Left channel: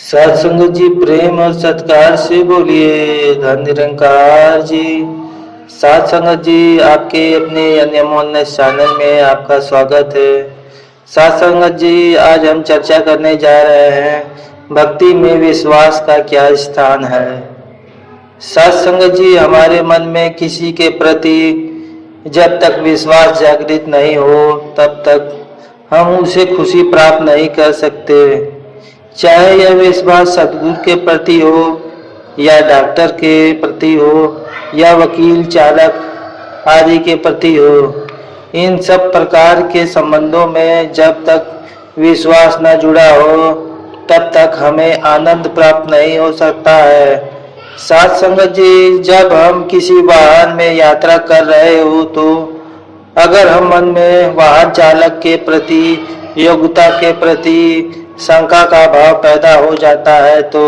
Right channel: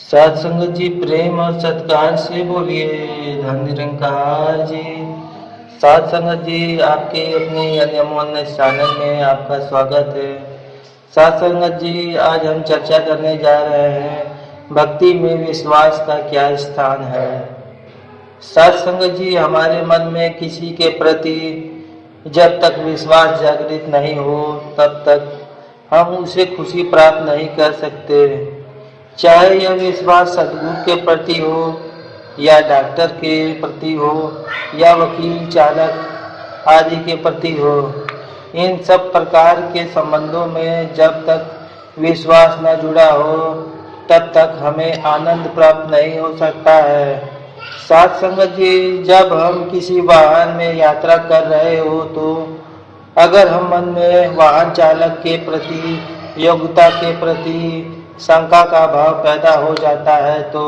सत्संग जी प्रेम और सत्कार से बोलिए धन निरंकार जी। सत्संग जी आपके अपने अनमोल चैनल में आपका स्वागत है। सत्संग जी आज हम चर्चा करने जा रहे हैं भक्ति में विश्वास का क्या स्थान है। सत्संग जी हमारे मन में किसी के प्रति जब तक विश्वास जागृत नहीं हो तब तक हम उसे खुशी प्राप्त नहीं कर सकते। चाहे यह विश्वास सदगुरु के प्रति हो या डॉक्टर के प्रति हो या वकील चालक आदि के प्रति हो, इन सब प्रकार के संबंधों में जब तक विश्वास न जुड़ा हो तब तक हमें आनंद प्राप्त नहीं हो सकता है। साथ संगत जी, जब हम किसी वाहन में यात्रा कर रहे हो तो अगर हम मन में वाहन चालक के प्रति योग्यता के प्रति शंका का भाव पैदा हो जाता है तो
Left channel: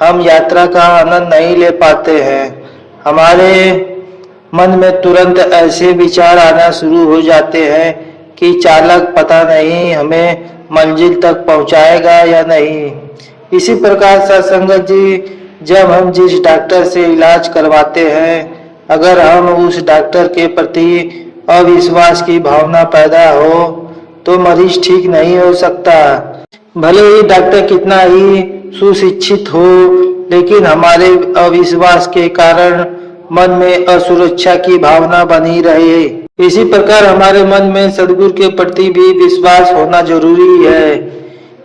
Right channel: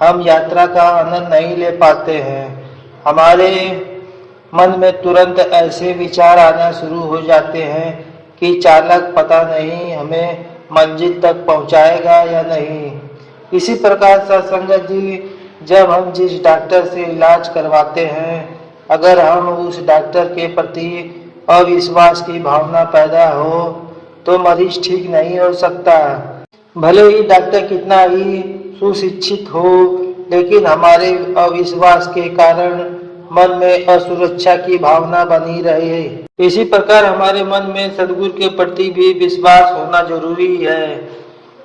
हम यात्रा का आनंद नहीं ले पाते हैं। हमारे मन में तुरंत ऐसे विचार आना शुरू हो जाते हैं कि चालक पता नहीं हमें मंजिल तक पहुंचाएगा या नहीं। इसी प्रकार सत्संगत जी, जब हम जिस डॉक्टर से इलाज करवाते हैं अगर हम उस डॉक्टर के प्रति अविश्वास की भावना पैदा हो तो मरीज ठीक नहीं हो सकता। भले ही डॉक्टर कितना ही सुशिक्षित हो, लेकिन हमारे अविश्वास के कारण मन में असुरक्षा की भावना बनी रहे। इसी प्रकार हमारे मन में सदगुरु के प्रति भी विश्वास होना जरूरी है,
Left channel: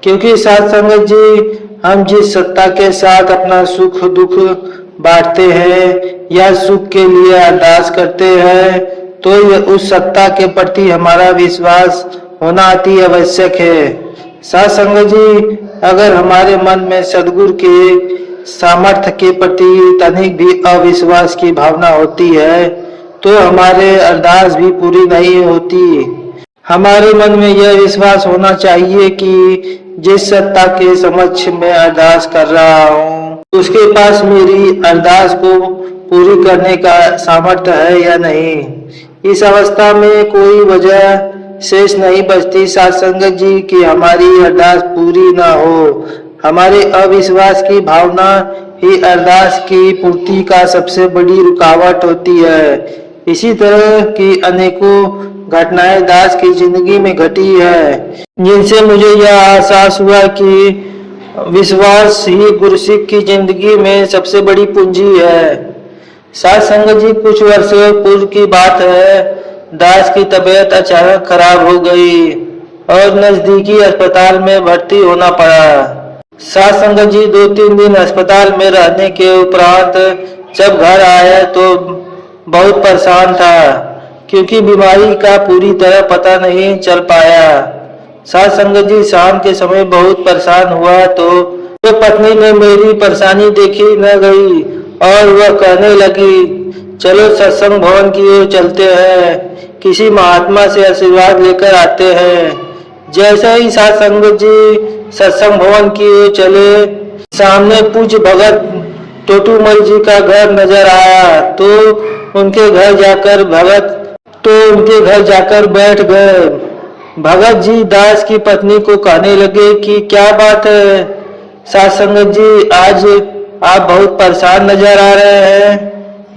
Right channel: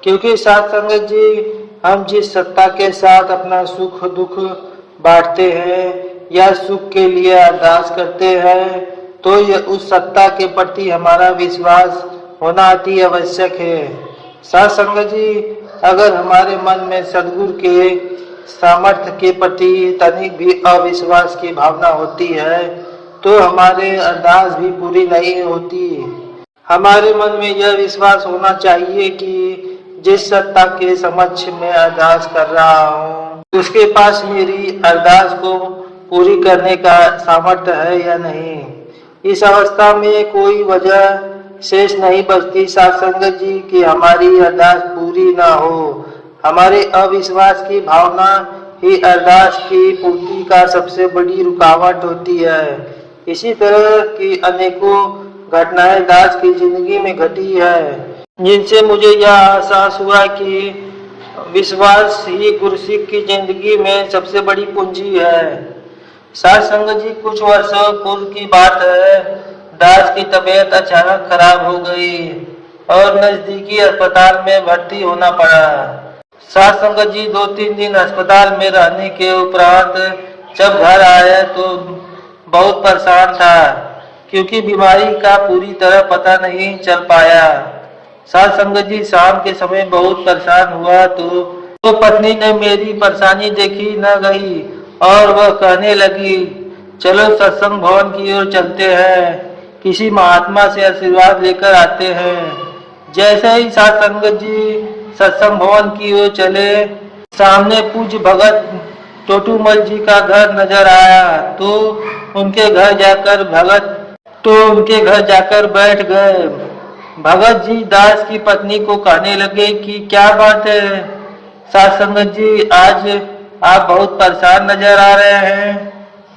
क्योंकि साथ संगत जी, हम जिस सत्ता के साथ अपना सुख दुख बांटते हैं या सुख के लिए अरदास करते हैं तो उस सत्ता के प्रति हमारा विश्वास होना अति आवश्यक है। साथ संगत जी, अगर हमारे मन में सदगुरु के सामर्थ्य के प्रति तनिक भी अविश्वास की भावना होती है तो हमारे अरदास भी पूरी नहीं होती। हमारे मन में यह विश्वास होना चाहिए कि जिस सत्ता के समक्ष मैं अरदास कर रहा हूँ उसके पास मेरी अरदास को पूरी करने का सामर्थ्य है या नहीं। इस अवस्था में कोई वजह शेष नहीं बचती साथ संगत जी कि हमारी अरदास पूरी ना हो। हमारे अविश्वास की भावना ही अरदास की पूर्ति का सबसे बड़ी रुकावट होती है। इसी तरह की अनेकों घटनाएं दास की जिंदगी में घटी है, जिनसे मुझे यह एहसास हुआ कि विश्वास ही गुरुसिख की जिंदगी में सबसे बड़ी पूंजी है। साथ संगत जी, कुछ वर्षों पूर्व की बात है। दास की तबीयत अचानक खराब हो गई और नजदीकी अस्पताल में भर्ती होना पड़ा। साथ संगत जी, 2-3 दिन अस्पताल में रहने के उपरांत जब घर आया तो बहुत परेशान था, क्योंकि बीमारी का पूरी तरह पता नहीं चल पाया। साथ संगत जी, शाम के समय बहुत परेशान हुआ तो पत्नी ने मेरी परेशानी देखी न गई और वह कहने लगी, चलो सत्संग भवन की ओर चलते हैं, किसी महात्मा से आशीर्वाद लेकर आते हैं। जैसे ही साथ संगत जी सत्संग भवन की ओर चले, सामने पूज्य भगत टोटूमल जी का घर नजर आया तो उनके घर जाकर बैठ गए। भगत जी दास की पत्नी को कहने लगे कि क्या बात है साथ संगत जी, आज आप बहुत परेशान नजर आ रहे हैं।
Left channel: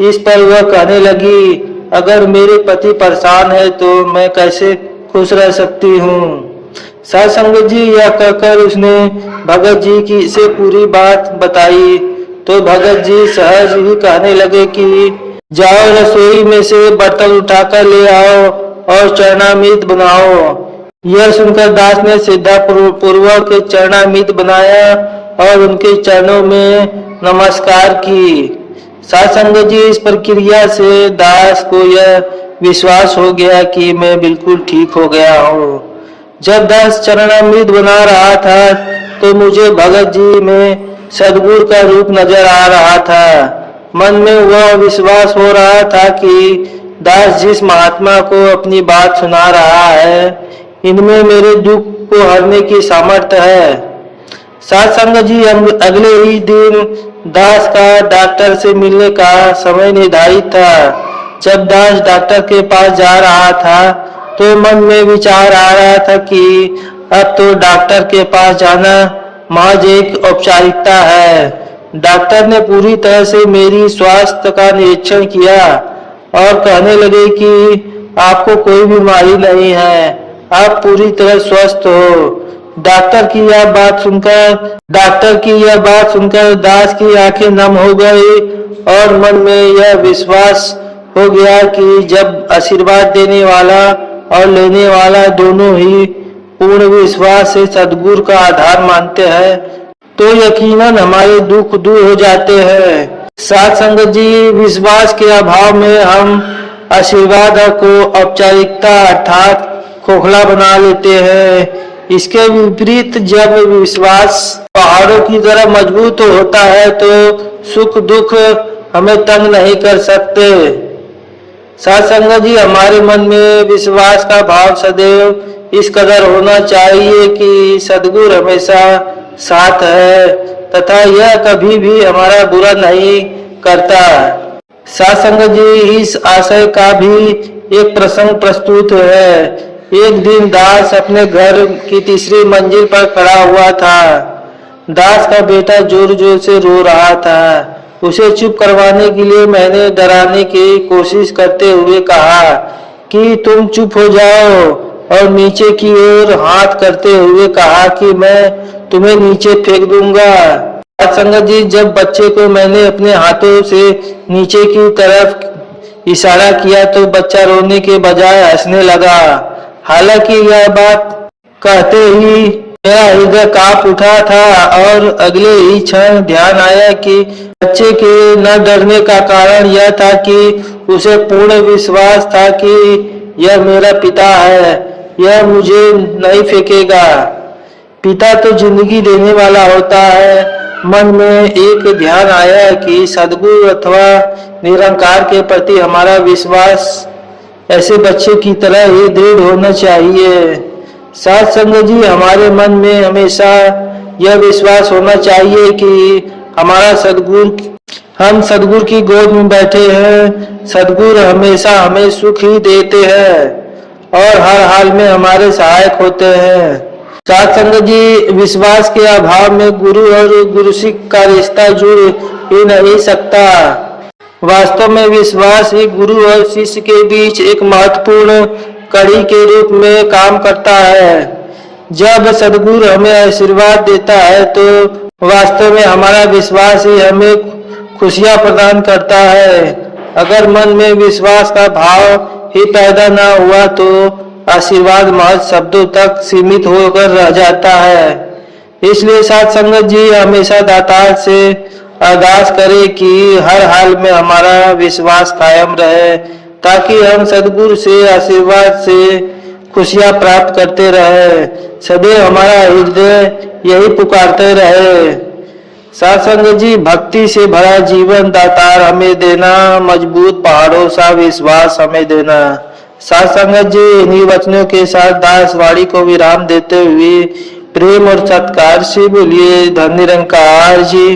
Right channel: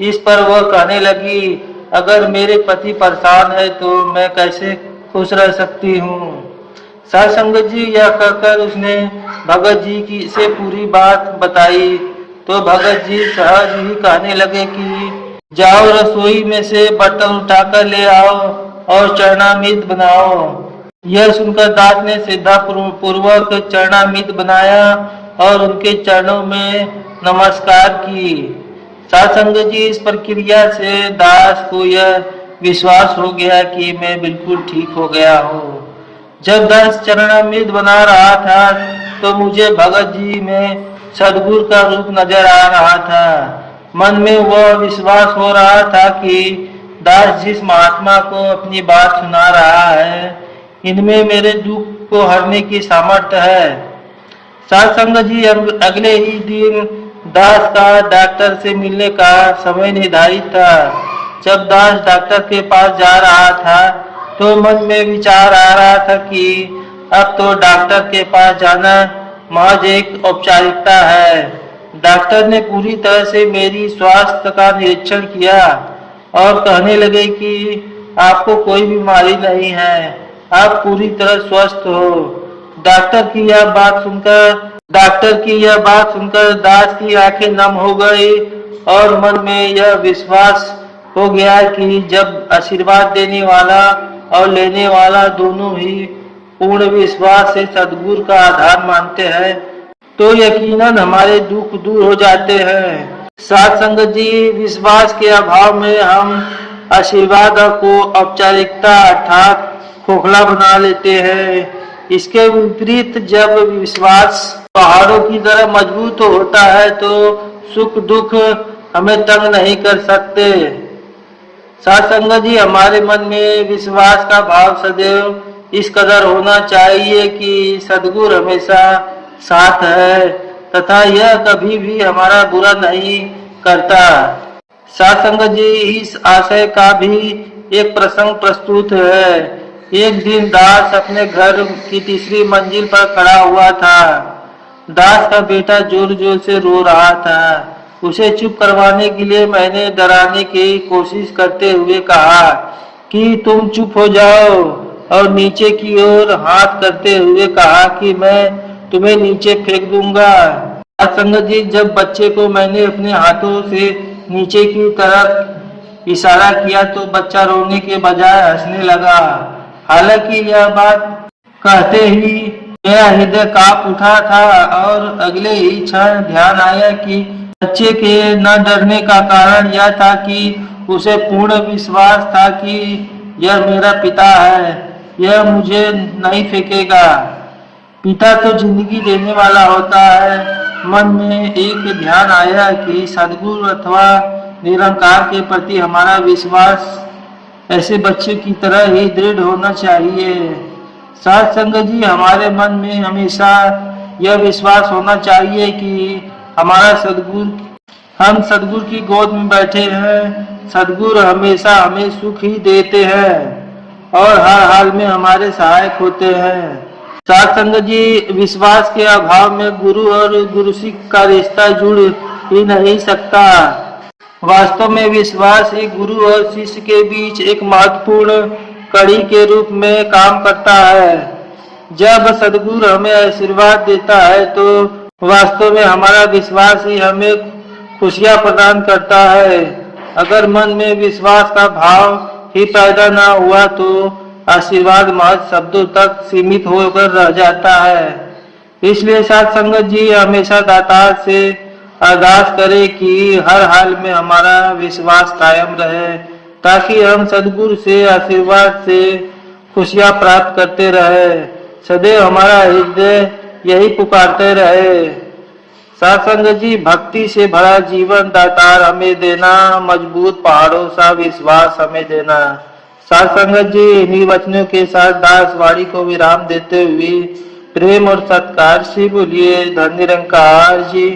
इस पर वह कहने लगी, अगर मेरे पति परेशान है तो मैं कैसे खुश रह सकती हूँ। साथ संगत जी, यह कहकर उसने भगत जी की से पूरी बात बताई तो भगत जी सहज ही कहने लगे कि जाओ रसोई में से बर्तन उठाकर ले आओ और चरणामृत बनाओ। यह सुनकर दास ने श्रद्धा पूर्वक चरणामृत बनाया और उनके चरणों में नमस्कार की। साथ संगत जी, इस प्रक्रिया से दास को यह विश्वास हो गया कि मैं बिल्कुल ठीक हो गया हूँ। जब दास चरणामृत बना रहा था तो मुझे भगत जी में सदगुरु का रूप नजर आ रहा था। मन में वह विश्वास हो रहा था कि दास जिस महात्मा को अपनी बात सुना रहा है, इनमें मेरे दुख को हरने की सामर्थ्य है। साथ संगत जी, अगले ही दिन दास का डॉक्टर से मिलने का समय निर्धारित था। जब दास डॉक्टर के पास जा रहा था तो मन में विचार आ रहा था कि अब तो डॉक्टर के पास जाना महज एक औपचारिकता है। डॉक्टर ने पूरी तरह से मेरी स्वास्थ्य का निरीक्षण किया और कहने लगे कि आपको कोई बीमारी नहीं है, आप पूरी तरह स्वस्थ हो। डॉक्टर की यह बात सुनकर दास की आंखें नम हो गई और मन में यह विश्वास हो गया कि जब आशीर्वाद देने वाला और लेने वाला दोनों ही पूर्ण विश्वास से सद्गुरु का आधार मानते हैं तो यकीनन हमारे दुख दूर हो जाते हैं। साथ संगत जी, विश्वास के अभाव में हम आशीर्वाद को औपचारिकता अर्थात खोखला बना लेते हैं। इसके विपरीत जब विश्वास पहाड़ों की तरह मजबूत होता है तो सुख दुख हमें तंग नहीं कर सकते। साथ संगत जी, हमारे मन में विश्वास का भाव सदैव इस कदर होना चाहिए कि सद्गुरु हमेशा साथ है तथा यह कभी भी हमारा बुरा नहीं करता। साथ संगत जी, इस आशय का भी एक प्रसंग प्रस्तुत है। एक दिन दास अपने घर की तीसरी मंजिल पर खड़ा हुआ था। दास का बेटा जोर जोर से रो रहा था। उसे चुप करवाने के लिए मैंने डराने की कोशिश करते हुए कहा कि तुम चुप हो जाओ और नीचे की ओर हाथ करते हुए कहा कि मैं तुम्हें नीचे फेंक दूंगा। संगत जी, जब बच्चे को मैंने अपने हाथों से नीचे की तरफ इशारा किया तो बच्चा रोने के बजाय हंसने लगा। हालांकि यह बात कहते ही मेरा हृदय कांप उठा था और अगले ही क्षण ध्यान आया कि बच्चे के न डरने का कारण यह था कि उसे पूर्ण विश्वास था कि यह मेरा पिता है, यह मुझे नहीं फेंकेगा। पिता तो जिंदगी देने वाला होता है। मन में एक ध्यान आया कि सद्गुरु अथवा निरंकार के प्रति हमारा विश्वास ऐसे बच्चे की तरह ही दृढ़ होना चाहिए। साथ संगत जी, हमारे मन में हमेशा यह विश्वास होना चाहिए कि हम सद्गुरु की गोद में बैठे हैं। सद्गुरु हमेशा हमें सुख ही देते हैं और हर हाल में हमारे सहायक होते हैं। साथ संगत जी, विश्वास के अभाव में गुरु और गुरु शिष्य का रिश्ता जुड़ ही नहीं सकता। वास्तव में विश्वास ही गुरु और शिष्य के बीच एक महत्वपूर्ण कड़ी के रूप में काम करता है। जब सद्गुरु हमें आशीर्वाद देता है तो वास्तव में हमारा विश्वास ही हमें खुशियां प्रदान करता है। अगर मन में विश्वास का भाव ही पैदा न हुआ तो आशीर्वाद महज शब्दों तक सीमित होकर रह जाता है। इसलिए साथ संगत जी, हमेशा दातार से अरदास करें कि हर हाल में हमारा विश्वास कायम रहे ताकि हम सद्गुरु से आशीर्वाद से खुशियां प्राप्त करते रहे। सदैव हमारा हृदय यही पुकारते रहे। साथ संगत जी, भक्ति से भरा जीवन दातार हमें देना, मजबूत पहाड़ों सा विश्वास हमें देना। साथ संगत जी, इन्हीं वचनों के साथ दास वाणी को विराम देते हुए प्रेम और सत्कार से बोलिए धन निरंकार जी।